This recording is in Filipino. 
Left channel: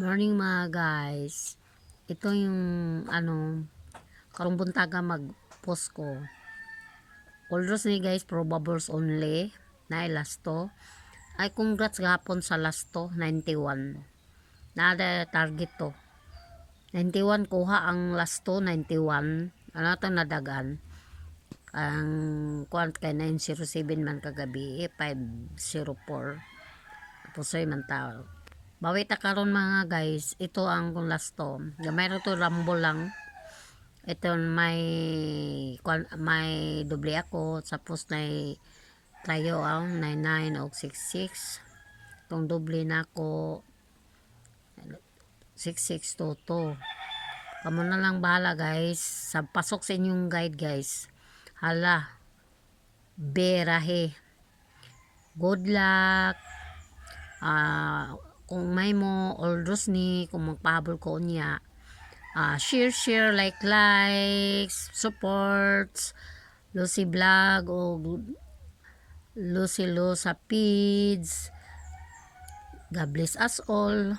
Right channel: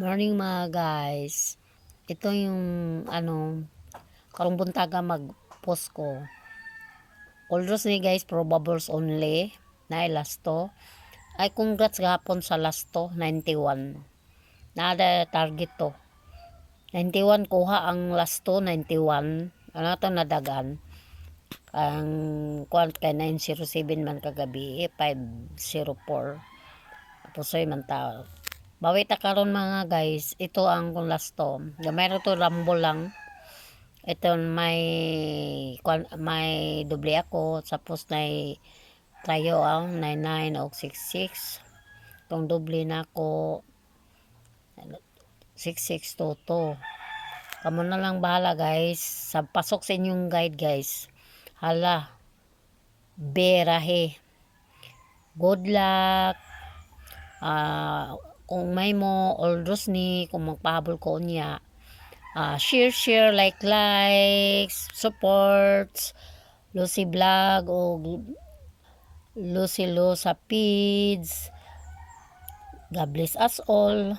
Morning mga guys. Ito yung karong buntaga mag-post ko. Although ni guys, probables only na lasto. Ay congrats gapon sa lasto 91. Nada target to. 91 kuha ang lasto 91. Ano to nadagan? Ang kuan kay 907 man kagabi 504. Tapos ay man tao. Bawi ta karon mga guys, ito ang kung lasto. Gamay ra to rambo lang. Ito may doble ako, tapos tayo ang 99 o 66. Itong doble na ako 6622. Kamo na lang bahala guys. Sa pasok sa inyong guide guys. Hala. Berahe. Good luck. Kung may mo orders ni kung magpahabol ko niya, share likes supports Lucy Vlog o Lucy Lo sa feeds. God bless us all.